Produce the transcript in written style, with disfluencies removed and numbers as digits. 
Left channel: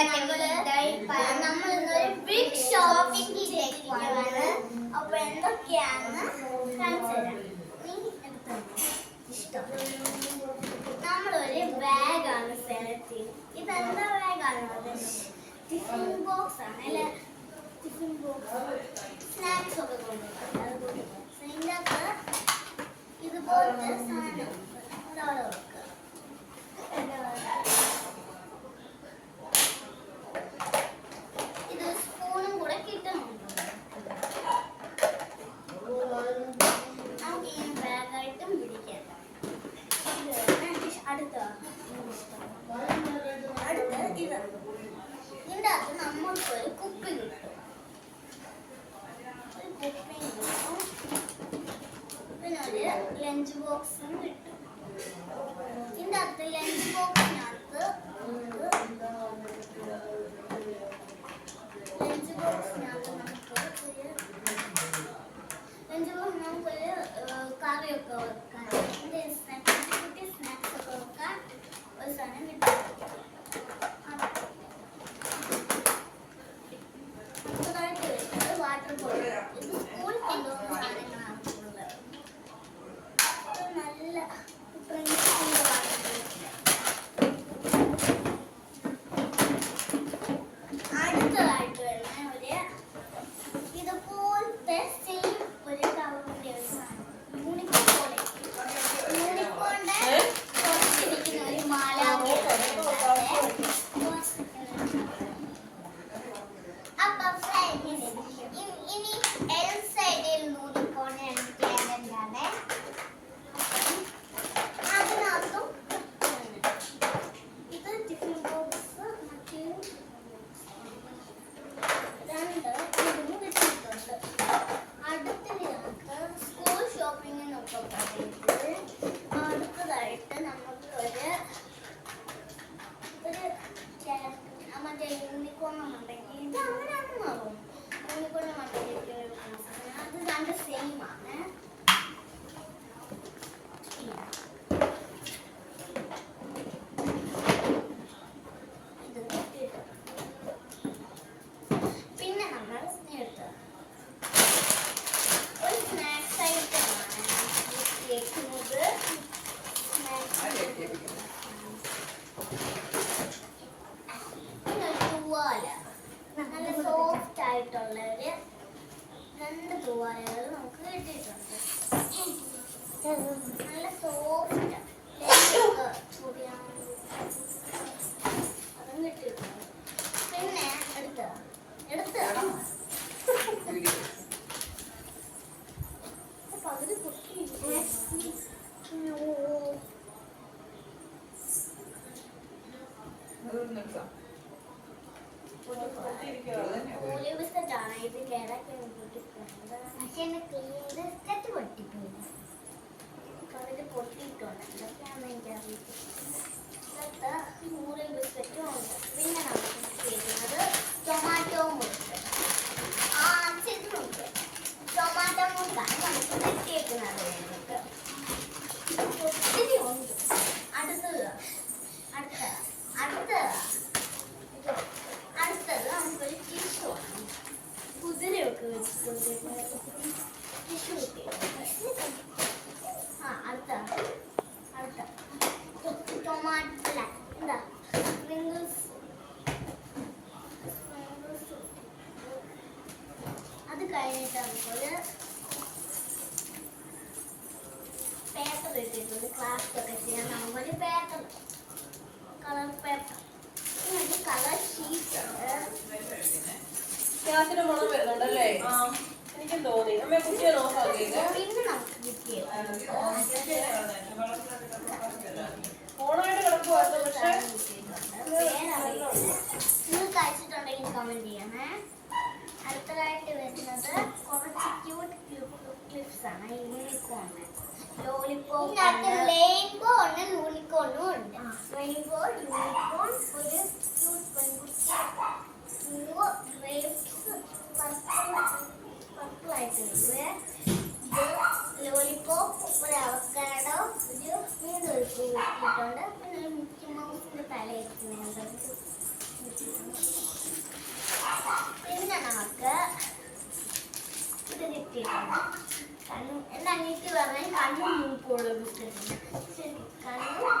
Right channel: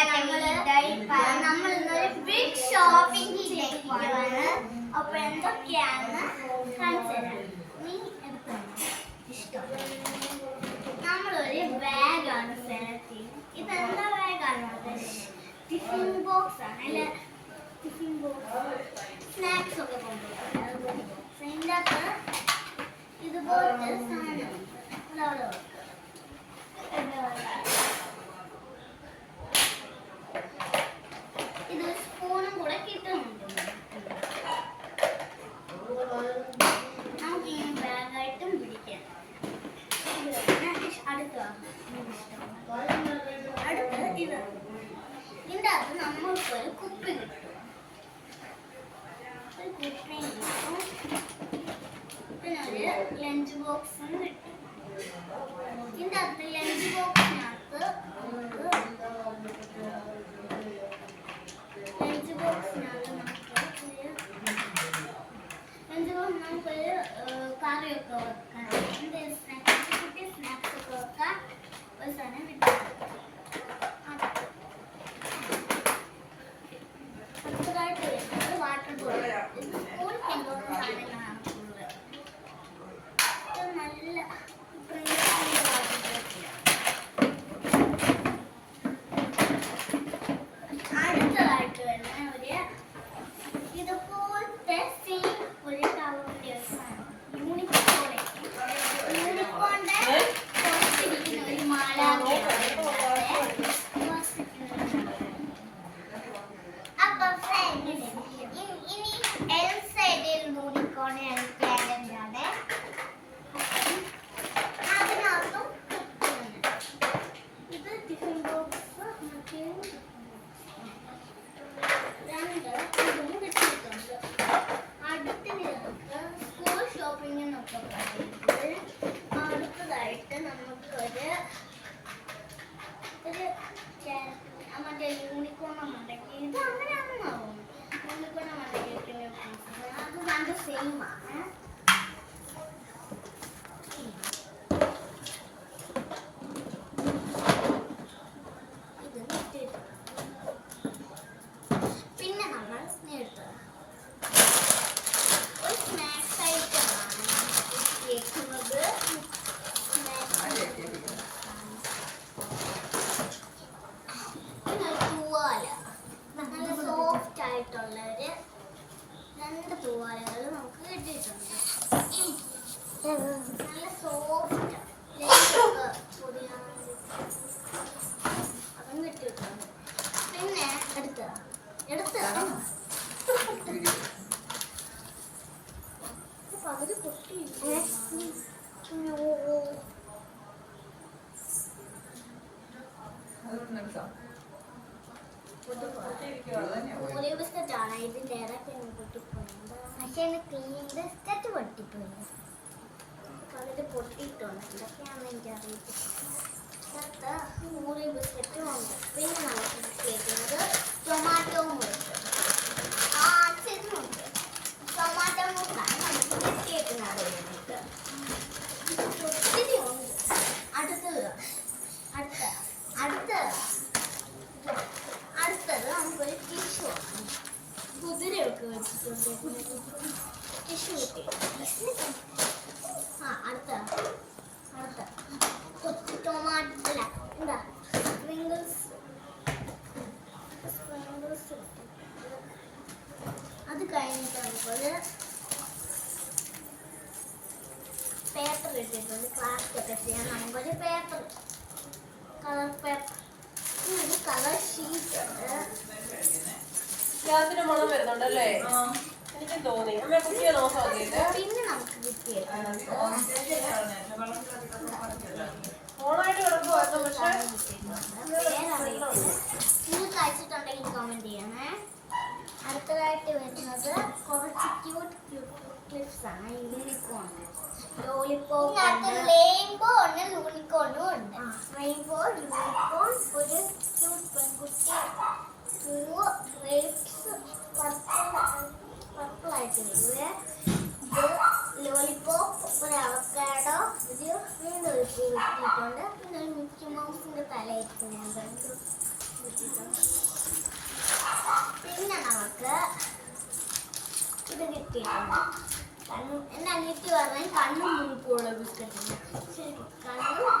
നമ്മൾ ഇന്നൊരു big shopping ചെയ്യാണ്. അപ്പൊ എന്തൊക്കെയാണെന്ന് കാണിച്ചു തരാം. നീ എടുത്തോ ഇഷ്ടം. നമ്മളൊരു ബാഗാണ് സെലക്ട് ചെയ്യുന്നത്. ഇതെന്താ ബാഗാണ്? ടിഫിൻ ബോക്സ് ആണ്. അല്ലെ ടിഫിൻ ബോക്സ് സ്നാക്സ് ഒക്കെ കൊണ്ടുപോകും. അതിൻ്റെ അകത്ത് ഇതുപോലത്തെ സാധനം അതവിടെ വെക്കുക. ഇത് സ്പൂണും കൂടെ കിട്ടുന്നുണ്ട്. നമുക്ക് ഈ ബാഗായിട്ടും പിടിക്കാം. അടുത്ത ഇത് ഇതിൻ്റെ അകത്ത് നമ്മൾക്കൊരു കുപ്പി കിട്ടും. ഒരു കുപ്പിയും കിട്ടും. പിന്നെ ഒരു ലഞ്ച് ബോക്സും കിട്ടും. ഇതിൻ്റെ അകത്ത് ലഞ്ച് ബോക്സിനകത്ത് നമുക്കൊരു കറിയൊക്കെ വെക്കാൻ, കുട്ടി സ്നാക്സ് ഒക്കെ വെക്കാൻ ഒരു സാധനം കിട്ടും. അടുത്തതായിട്ട് വരുന്നത് വാട്ടർ ബോട്ടിൽ. ഇത് സ്കൂളിൽ കൊണ്ടുപോകുന്ന സാധനങ്ങളാണ് കൂടുതൽ. ഇത് നല്ല പ്രിൻസിപ്പിൻ്റെ വാട്ടർ ബോട്ടിൽ. അടുത്തതായിട്ട് വരുന്ന ഒരു ഇതുപോലത്തെ സെയിം ഒരു ടൗണിൻ്റെ ഒരു സാധനം. യൂണിക്കോണിൻ്റെ കുറച്ചിരിക്കുന്ന ഒരു മാല. അപ്പൊ ഇനി എൽ സൈഡിൽ യൂണിക്കോൺ ആണ്. അതിനകത്തും ഇത് ടിഫിൻ ബോക്സ് ഇതിന് കിട്ടിയിട്ടുണ്ട്. അടുത്തതിനകത്ത് സ്കൂൾ ഷോപ്പിങ്ങിനൊക്കെ പറയുമ്പോൾ അടുത്തതായിട്ട് നമുക്ക് ഒരു മറ്റേ യൂണിക്കോണം ഉണ്ടെങ്കിൽ ഇത് അങ്ങനെയാണെന്ന് തോന്നുന്നു. യൂണിക്കോണം ഉണ്ടെങ്കിൽ അത് രണ്ട് സെയിം ആണ്. ഇത് കിട്ടിയിട്ടുണ്ട്. പിന്നെ നമ്മൾ എടുത്തത് ഒരു സ്നാക്സ് ഐറ്റമാണ് കേൾക്കുന്നത്. പിന്നെ ഒരു തൂവാല, നല്ല സോഫ്റ്റ് ആയിട്ടുള്ള ഒരു രണ്ട് തൂവാലകൾ നമുക്ക് കിട്ടിയിട്ടുണ്ട്. നല്ല സോഫ്റ്റ് അതും കിട്ടിയിട്ടുണ്ട്. പിന്നെ എടുത്ത പകുതി പൊട്ടി. ബിസ്ക്കറ്റാണ് ഇതിൻ്റെ ഇടയ്ക്ക് പൊട്ടിപ്പോയത്. പക്ഷേ ക്ലീൻ ബിസ്ക്കറ്റ് പൊട്ടിപ്പോയി. പകുതി പൊട്ടിയിട്ടുണ്ട്. ഇതൊക്കെയാണെന്ന് എനിക്കറിയത്തില്ല. മൂന്ന് ബിസ്ക്കറ്റും ഉണ്ട്. പിന്നെ നമുക്ക് കേൾക്കുന്നത് ടൊമാറ്റോ മുറുക്ക്. ഇത് നോക്ക്, ടൊമാറ്റോ മുറുക്കാണ് നമുക്ക് കിട്ടിയേക്കുന്നത്. വേണ്ടിയിട്ട് ഒത്തിരി ഉണ്ട്. അടുത്തത് നമുക്കൊരു ടിഷ്യൂ ആണ്. കുതിരയൊക്കെ വെച്ചിട്ടുണ്ട്. ടിഷ്യൂ കിട്ടി. അടുത്ത ടൊമാറ്റോ അല്ല എന്താ സ്പ്രിങ്കിൾസ്. അത് കഴിഞ്ഞിട്ട് നമുക്കൊരു പേപ്പർ ഇട്ടിട്ടുണ്ട്. ക്ലാസ് ഒക്കെ ചെയ്യാൻ നമുക്കൊരു പേപ്പർ, കളർ പേപ്പർ. ഒരു കളർ ഷീറ്റ് ഉണ്ട്. ഗ്യാസിന് മണം വരുന്നുണ്ടല്ലേ? എനിക്ക് തോന്നി. അമ്മ കുട്ടിയെ നോക്കാം. പിന്നെ നമുക്ക് കിട്ടിയത് ഓണായിട്ട് കിടക്കുവായിരുന്നു. പക്ഷേ നിങ്ങൾ കഴിച്ചിട്ടുണ്ടെങ്കിൽ കമന്റ് ചെയ്യണേ. അടുത്തതായിട്ട് വരുന്നത് കുറച്ച് ക്യൂട്ട് ക്ലിപ്സ് ആണ്. യൂണിക്കോൺ, ലോലിപോപ്പ്, റെയിൻബോ ഉണ്ട്, യൂണിക്കോണും ഉണ്ട്. റെയിൻബോ, യൂണിക്കോൺ, ഒരു ക്യൂട്ട് പെൺകുട്ടി, പൂവ്, ഗ്രേപ്സ്, പർപ്പിൾ ആയിട്ട് വരുവേ. ഇത് ലോലിപോപ്പ്, ഒരു അവക്കാഡോ, ഒരു വീണ്ടും ഒരു പൂ ഇട്ടിട്ടുണ്ട്. പിന്നെ ഒരു മിക്കി മൗസിന്റെ തല ഇരിക്കുന്നത്. പിന്നെ നമുക്ക് ഇത് കിട്ടിയിട്ടുണ്ട്. എൻ്റെ അനിയത്തി പറഞ്ഞ കണ്ണും മൂക്കുള്ള ബിസ്ക്കറ്റ്. ശരി, കണ്ണും